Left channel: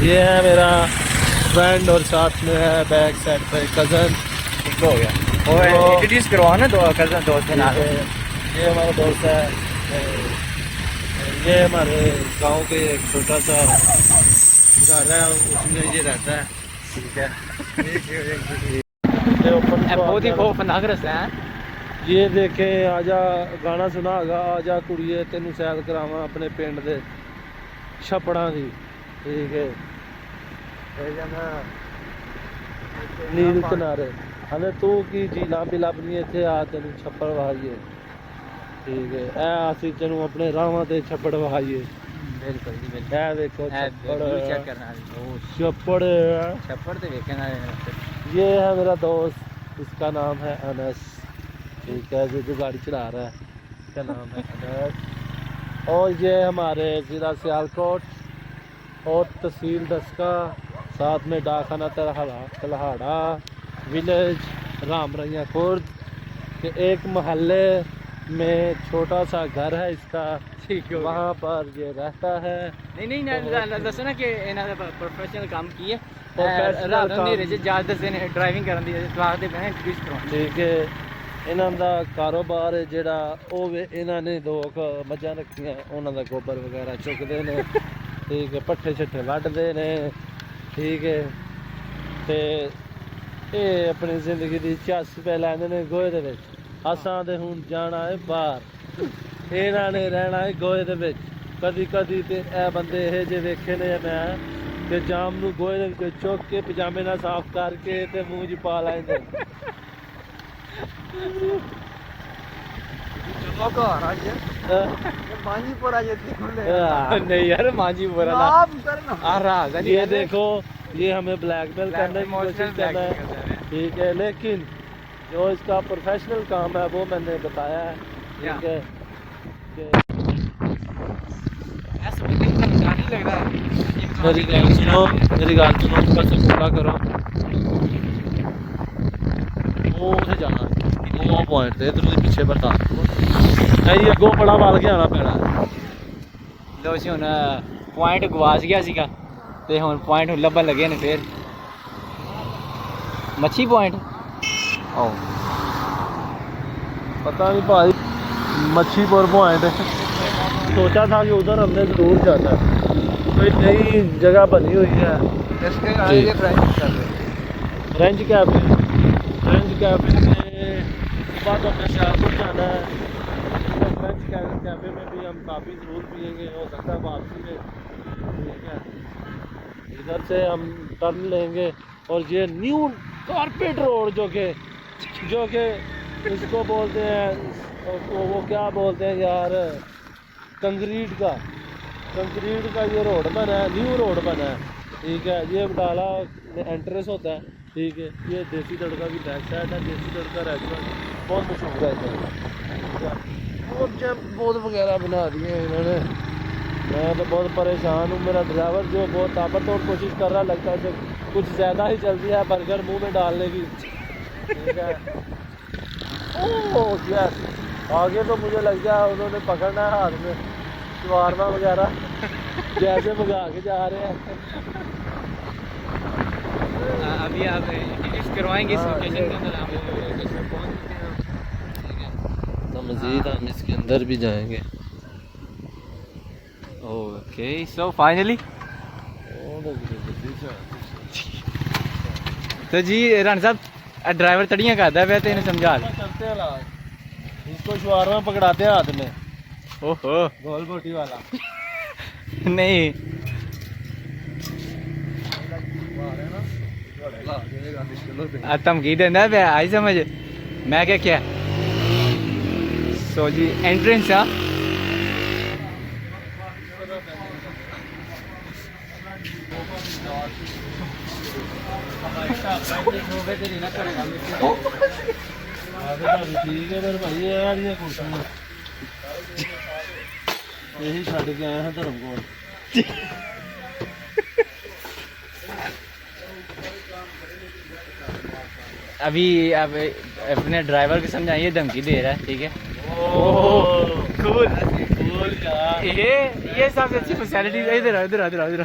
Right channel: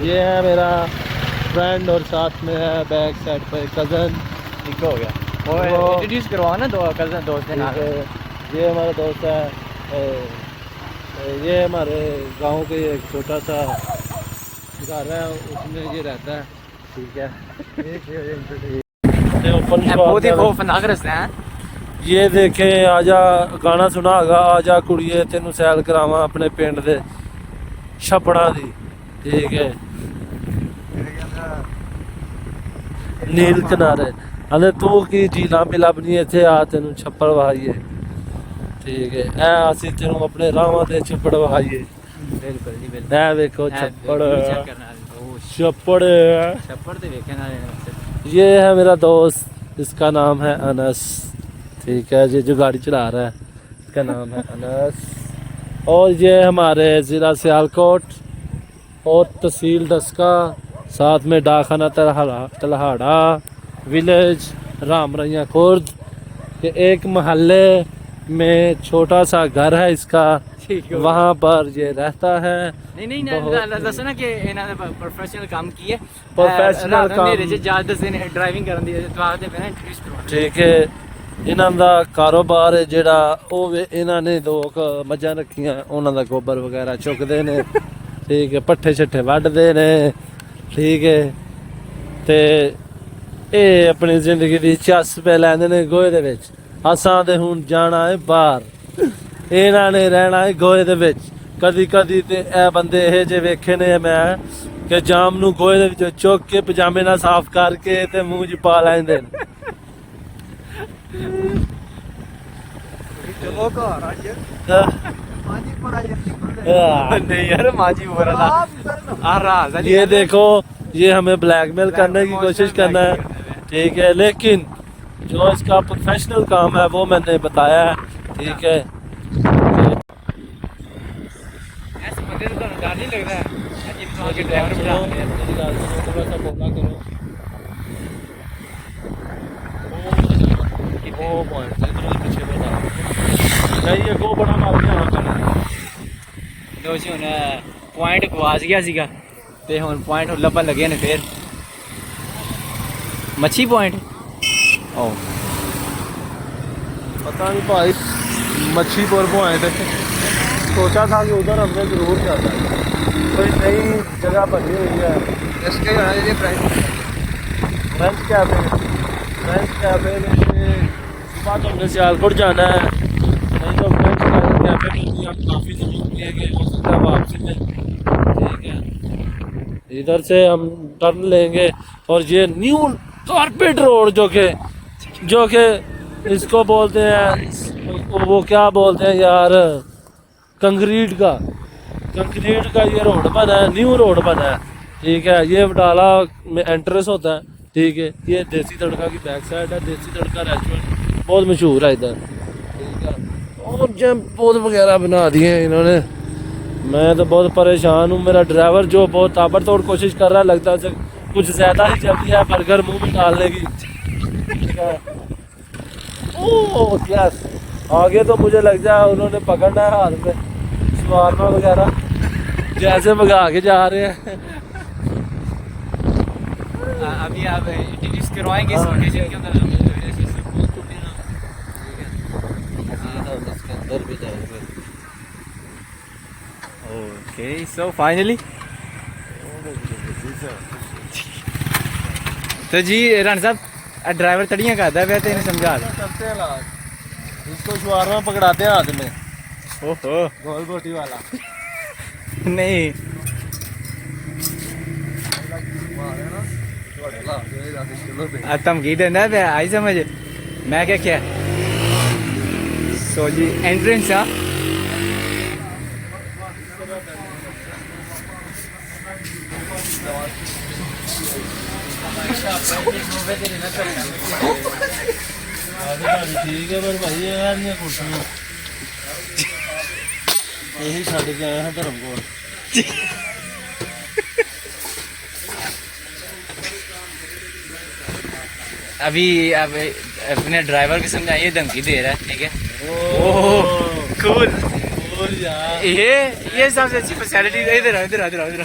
ये है मेरा फ्रेंड और साथ में है बैक साइड पे कज़न। ठीक हो गया और इंट्रोड्यूस करवाओ ना दो कज़न दोस्त ना। ये हमारा दोस्त है, ये हमारे गांव के एक छोटा सा घर है, उसमें ये रहता है। ठीक है, बहुत ही खौफनाक रास्ता है। ये देखे आजा गाना सुना होगा, आजा कुड़िए तेनू सैल करावां अपने पिंड दे छपड़ा दी। ठीक है, नील किनारे हले तू की झीलां भी लभनी इत्थे आ तेनू छप्पड़ वहाइए। ठीक है, ए असीं तेनू अपने रावां दे छप्पड़ वहाइए। ए देखो छप्पड़, छप्पड़ छप्पड़ ते वेखे ना। ये है मेरा दोस्त, इसका नाम है अनस। ठीक है, ये जो गाड़ी चला रहा है इसका नाम है अनस। और ये हमारे ज़िला सियालकोट और तहसील डस्का, साथ में डाकखाना तलहाड़ा विलेज रामरैया खुर्द के एक महल्ले में छोटा सा घर है इसका, वहाँ पर ये रहता है। नहीं दसो ना कि इन्होंने प्रोफेशनल काम की है। प्रोफेशनल काम ड्राइविंग करन दी तो आखदे पए इंट्रोड्यूस करवाओ। ठीक है, ਇਹਨਾਂ ਦਾ ਕਾਰੋਬਾਰ ਹੈ ਜਿਹੜਾ ਉਹ ਇਹਨਾਂ ਨੇ ਦੋ ਮੱਝਾਂ ਰੱਖੀਆਂ, ਉਹਨਾਂ ਦਾ ਗੋਬਰ ਵਗੈਰਾ ਚੁੱਕਦੇ ਨੇ। ਠੀਕ ਹੈ, ਪੱਠੇ ਛੱਠੇ ਵੱਢਦੇ ਨੇ। ਠੀਕ ਹੈ, ਤੇ ਇਹ ਆਪਣੀ ਜ਼ਿੰਦਗੀ ਦੀ ਚੱਸ ਪੈ ਲੈਂਦੇ ਨੇ ਗੋਹੇ ਦੇ ਵਿੱਚ। ਅਸਾਂ ਤੇ ਹੁਣ ਜਾਣਾ ਹੈ ਬਾਹਰ, ਇਹਨਾਂ ਨੇ ਰਹਿਣਾ ਹੈ ਗੋਹੇ ਦੇ ਵਿੱਚ। ਕਦੀ ਕਦੀ ਤੇ ਇਹ ਬੰਦੇ ਇਹ ਜਿਹੇ ਵੇਖੇ ਨੇ ਮੈਂ ਕਿ ਜਾਮ ਨੂੰ ਗੋਹੇ ਦੇ ਵਿੱਚੋਂ ਚੁੱਕ ਕੇ ਪਜਾਮੇ ਨਾਲ ਸਾਫ਼ ਕਰਕੇ ਤੇ ਮੂੰਹ 'ਚ ਪਾ ਲੈਂਦੇ ਨੇ। नहीं यार माजी बोल रहा। ये देखो, ये हमें ब्लैकमेल करने की कोशिश करना है। ठीक है, लेकिन जो इसका प्रोफेशनल काम है वो मैंने बताया है। ठीक है, मेरी बात सुनो, मेरी बात सुनो, थोड़ा सा बोला करो। वो पॉइंट है इधर पीछे बता नहीं, ये गो बड़ा मार के आना पैना। ਦੋਸੀ ਹੁਣ ਪੁਆਇੰਟ ਗਵਾਚ ਗਿਆ ਸੀਗਾ ਤੇ ਹੁਣ ਪੁਆਇੰਟ ਲੱਭਣ ਲੱਗੇ ਨੇ ਫੇਰ। ਮੱਛੀ ਪੁਆਇੰਟ ओ पता नहीं भाई, मच्छीपुर पॉइंट सोचा था कि उधर हमने जरूर जाना है, कोई नई जगह बनी हुई है। फ्रेंच कैफे, फ्रेंच कैफे में सुबह तो हमने सियालकोट जाना है, नहीं तो फ्रेंच कैफे में भी हम काफ़ी ज़रूर पिएंगे, हो सकता है वापसी में। ठीक है, इधर से हम टर्न लेंगे और ये न्यू कारपेट रोड जो कि इसको बोलते हैं, वो क्या बोलते हैं यार, कंक्रीट का ये रोड बना है, न्यू रोड बना है। ठीक है, ये बटाला में एंट्रेंस होता है। ठीक है, ये देसी तड़का की बैक साइड है, देसी तड़का रेस्टोरेंट बहुत मशहूर है इधर। और जंप बहुत वगैरह बना दिए हैं इन्होंने, मैं तो बहुत परेशान हूँ। मेरा ड्राइवर जो बहुत ताबड़तोड़ कोशिश कर रहा है, लगता है उसे कुछ ज़्यादा ही जल्दी है बर्गर मुंह में डालने की। ठीक है, ओह यस, आगे तो मुझे लगता है उन्होंने पकड़ना है हाथ में शवारमा वगैरह, जैसे भगा के जा रहे हैं। अभी आप इंट्रोड्यूस करवाएंगे इस लोकेशन के अंदर। मज़ीद हम इसके अंदर भी जाएंगे। ओके, सो फाइनली तो जी राना साहब ड्राइवर तड़ियाँ करता है तो इन्हें समझा करते हैं लाज, इसको शवारमा पकड़ाते हैं हाथ में, ओहो गोल गोटी वाला। नहीं धमकी देना है आई समझ मैं क्या सो जी एंट्रेंस आ ठीक है, पर भाई यार ये कुर्सियां यही छड़ के आए हैं धर्मकोट। अभी अब अपने ड्राइवर को समझाइए, धमकी दे रहा है। ठीक है, कूल यार, ये सबसे अच्छी फैसिलिटी। इधर इधर इधर इधर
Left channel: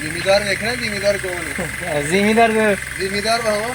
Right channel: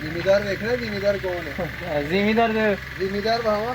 ਜ਼ਿਮੀਦਾਰ ਵੇਖਣਾ ਜ਼ਿਮੀਦਾਰ ਕੌਣ ਹੈ. ਜ਼ਿਮੀਦਾਰ ਜ਼ਿਮੀਦਾਰ ਬਾਵਾ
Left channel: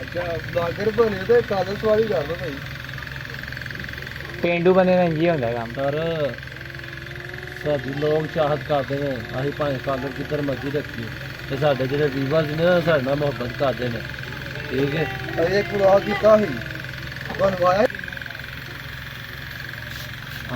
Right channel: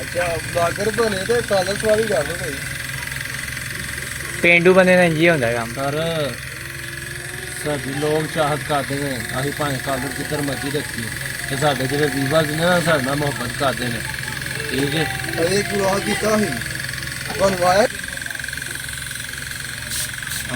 ਅੱਛਾ ਬਲਾਗਰ ਬਣੇ ਤੇ ਕਾਲਸ ਵਾਲੀ ਗੱਲ ਭਾਈ. ਪੇਂਡੂ ਬੰਦੇ ਦਾ ਇੰਜ ਹੁੰਦਾ ਕੰਮ. ਸਰ ਸਾਡੀ ਲੋਕ ਚਾਹਤ ਕਰਦੇ ਨੇ ਅਸੀਂ ਭਾਵੇਂ ਕਾਲਰ ਜਿੱਧਰ ਮਰਜ਼ੀ ਰੱਖੀਏ ਤੇ ਸਾਡੇ ਜਿਹੜੇ ਵੀਵਰਸ ਨੇ ਨਾ ਸਾਡੇ ਨਾਲ ਮੁਹੱਬਤ ਕਰਦੇ ਨੇ. ਠੀਕ ਹੈ ਇਹ ਪੂਰਾ ਕੀਤਾ ਸੀ ਤੁਹਾਨੂੰ ਆਇਆ.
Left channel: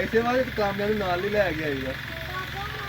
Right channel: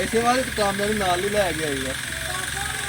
ਐਸੇ ਵਾਲੇ ਕਾਮਯਾਬੀ ਨਾਲ ਹੀ ਲੈ ਕੇ ਆਈਗਾ.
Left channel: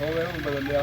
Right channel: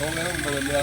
ਹੋ ਗਿਆ ਹੁਣ ਬਦਲਿਆ.